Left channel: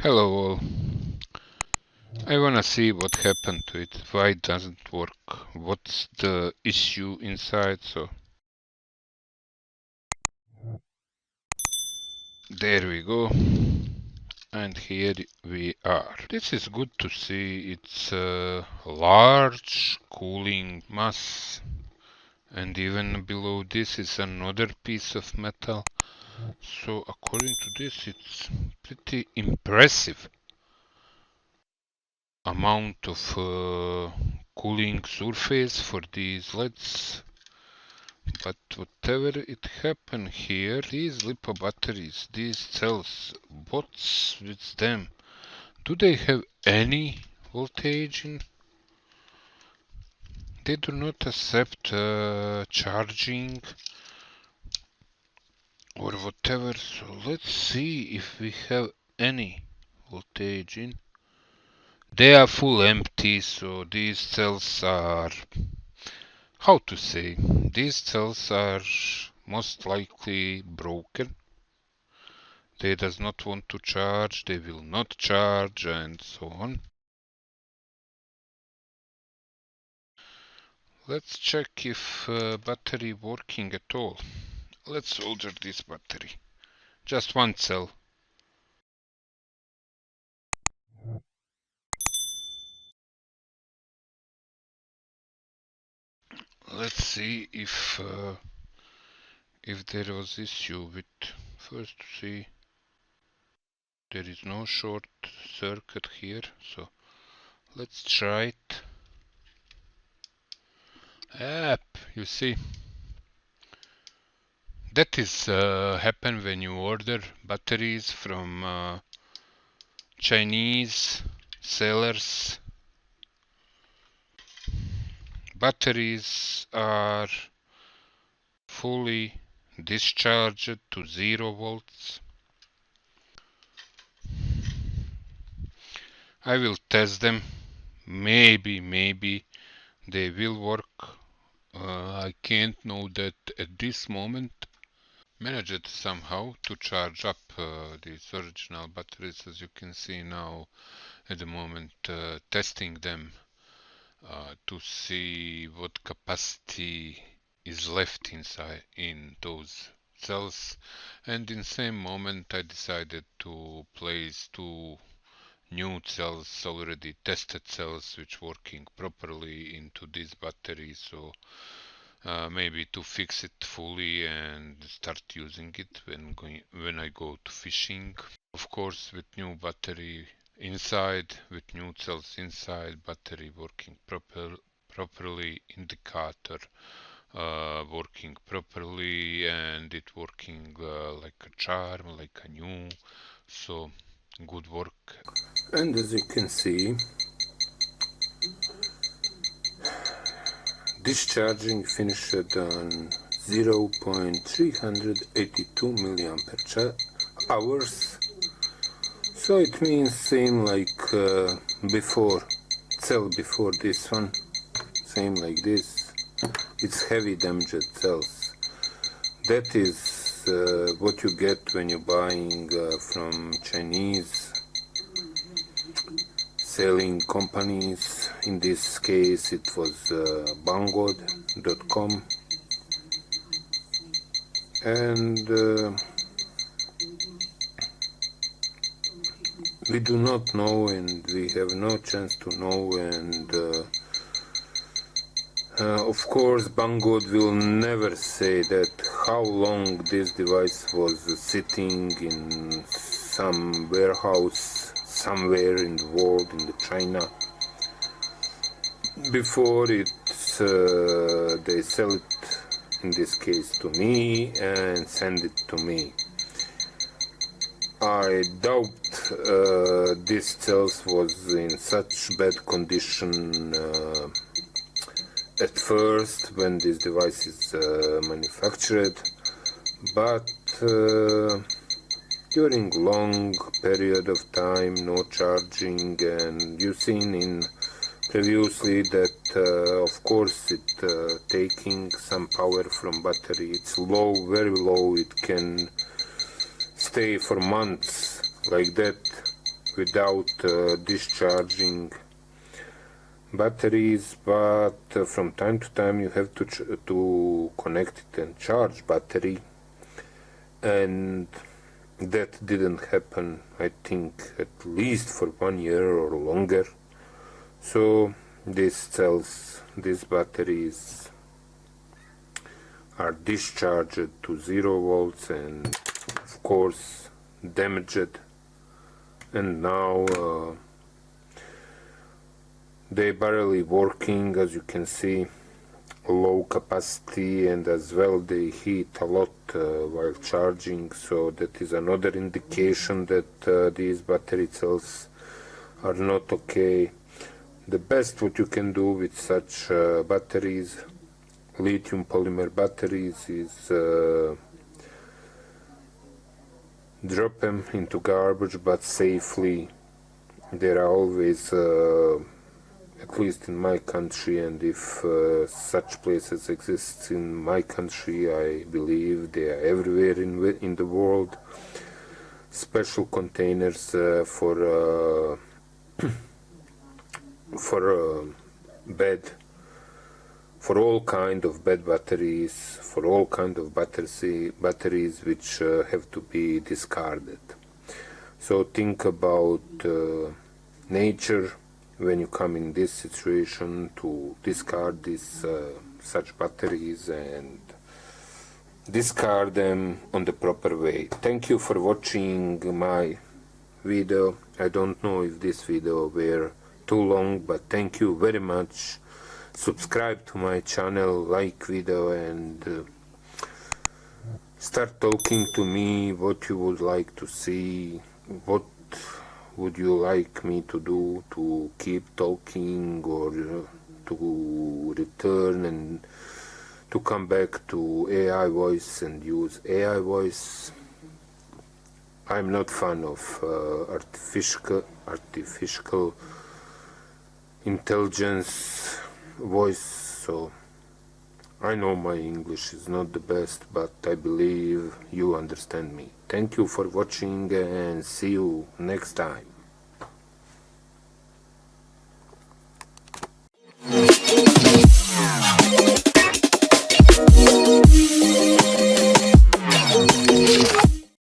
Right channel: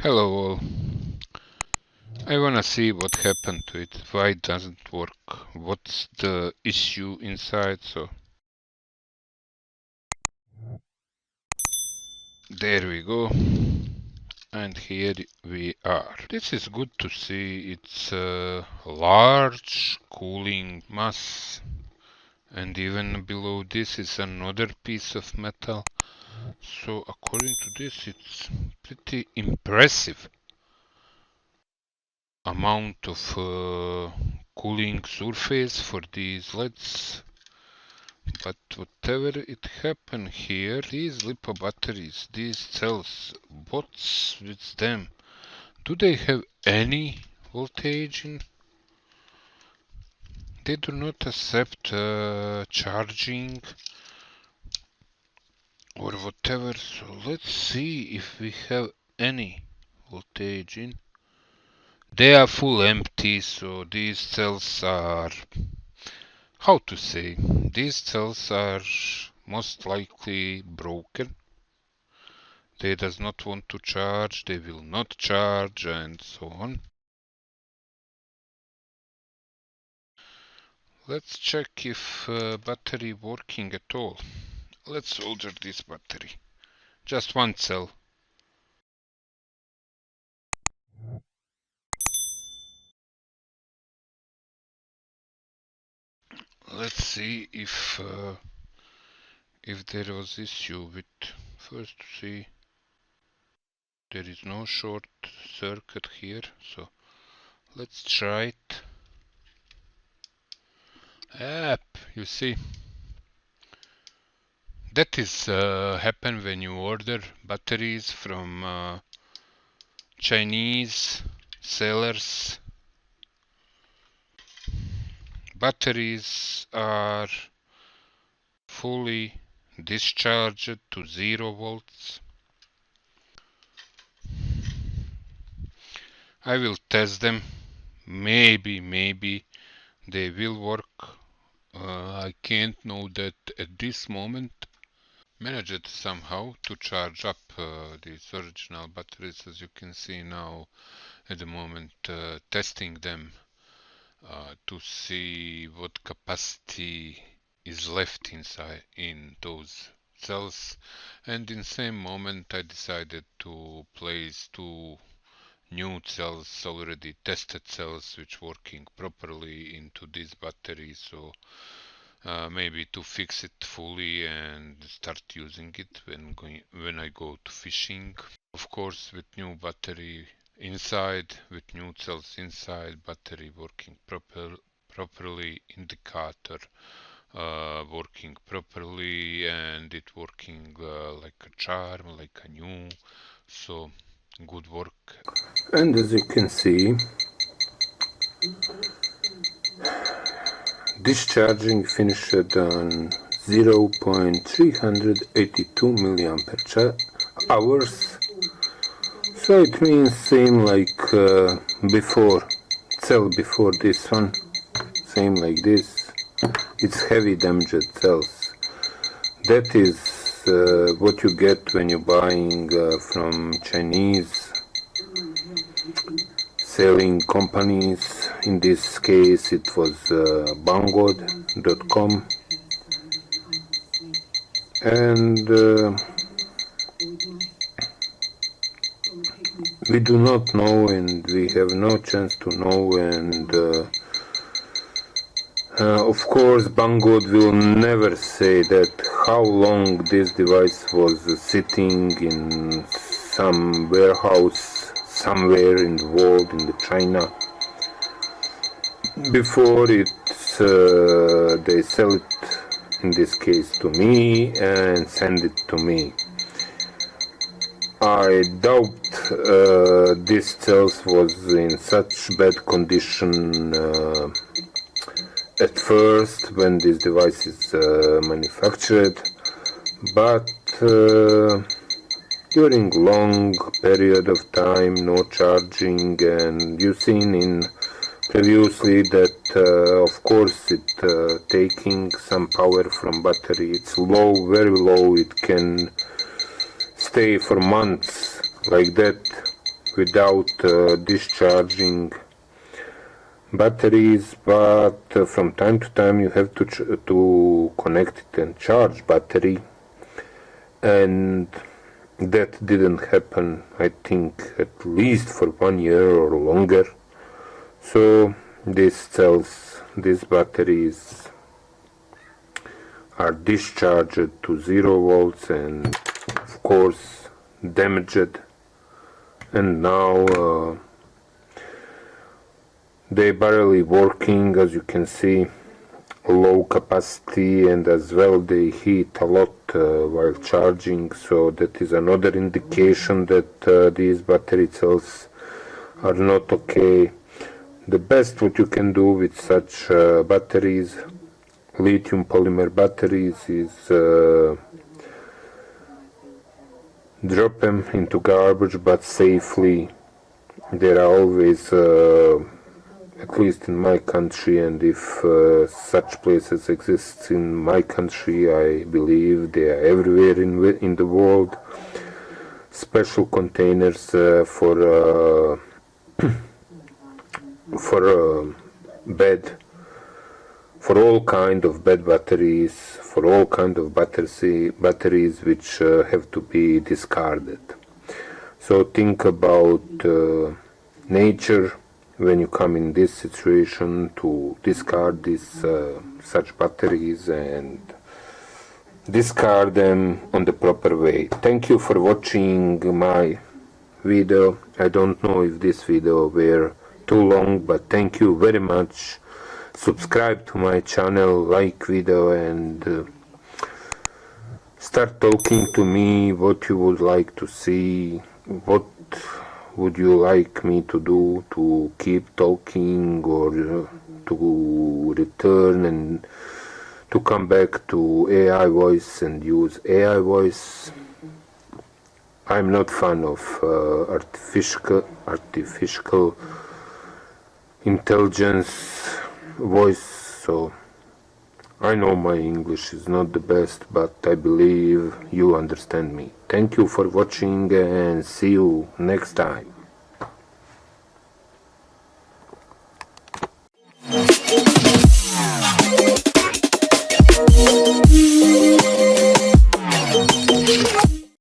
Hello all. I wanna see what happened to it, why it doesn't work, what's the issue inside, so there we go. And here we are. This is good to see, it's a large cooling mass, and even below this is another piece of metal. So according to this it's pretty impressive amount of cooling surface for these LEDs. But whatever it happened here, these LiPo batteries, these cells, what's with them? Do they have any voltage in? They do not accept charging or whatever, so let's see if we have any voltage in. They are full empty, so these cells are, how to say, these cells are most likely broken. They does not want to charge, they will not charge, and so on. Let's check if battery working at all. Let's solder this battery. Just one cell. Let's see if there was issue with. First see, there is no short circuit here, so let's try it. Yep, you see. That is happen when you order batteries from Chinese sellers. Batteries are fully discharged to 0 volts. I will test them. Maybe they will work. I can't know that at this moment. Managed somehow to charge up these original batteries, as you can see now at the moment, testing them to see what capacity is left inside in those cells, and in same moment I decided to place two new cells, already tested cells, which working properly into this battery, so maybe to fix it fully and start using it when I go to fishing. Of course, with new battery inside, with new cells inside, battery working properly, indicator working properly, and it working like a charm, like a new. So good work. And as you can see, discharging finished on 0.382 milliampere hours. So it means same like before, cell before this one, same like this. It's heavy damaged cells. That is what you get when you're buying from Chinese selling companies. In this case it was Banggood.com, and we do not know, and we have no chance to know, and of course Banggood will never say that how long this device was sitting in some warehouse somewhere in the world, in the China, before they sell it, in this case to me, and send it to me. I doubt this cells was in such bad condition at first when this device is manufactured, but during long period of time, no charging, and you've seen in previously that of course it taking some power from battery. It's low, very low. It can stay for months like that without discharging batteries, but from time to time you have to connect it and charge battery, and that didn't happen, I think, at least for 1 year or longer. So these cells, these batteries are discharged to 0 volts and of course damaged, and now they barely working, as you can see, low capacity, and as well they heat a lot while charging, so that is another indication that these battery cells are not okay. The best what you can do with such batteries, lithium polymer batteries, is drop them into garbage, but safely. There are always, at least in my country, and if such places exist in my country, I believe they are everywhere in the world, special containers for bed, for all kind of bed batteries, for all kind of batteries which have to be discarded. So think about nature when you come in this situation to discard these such batteries, and discard them on the proper way. Thank you for watching my video. I don't know if this video were too long, but thank you very much. Subscribe to my channel, like video, and start talking to me what you would like to see, what would you like me to do, to keep talking or to return and to come back to AI voice and use AI voice. I'm not fan of artificial intelligence voice, so I know my English is not the best, but I believe you understand me. Thank you for watching, and see you next time.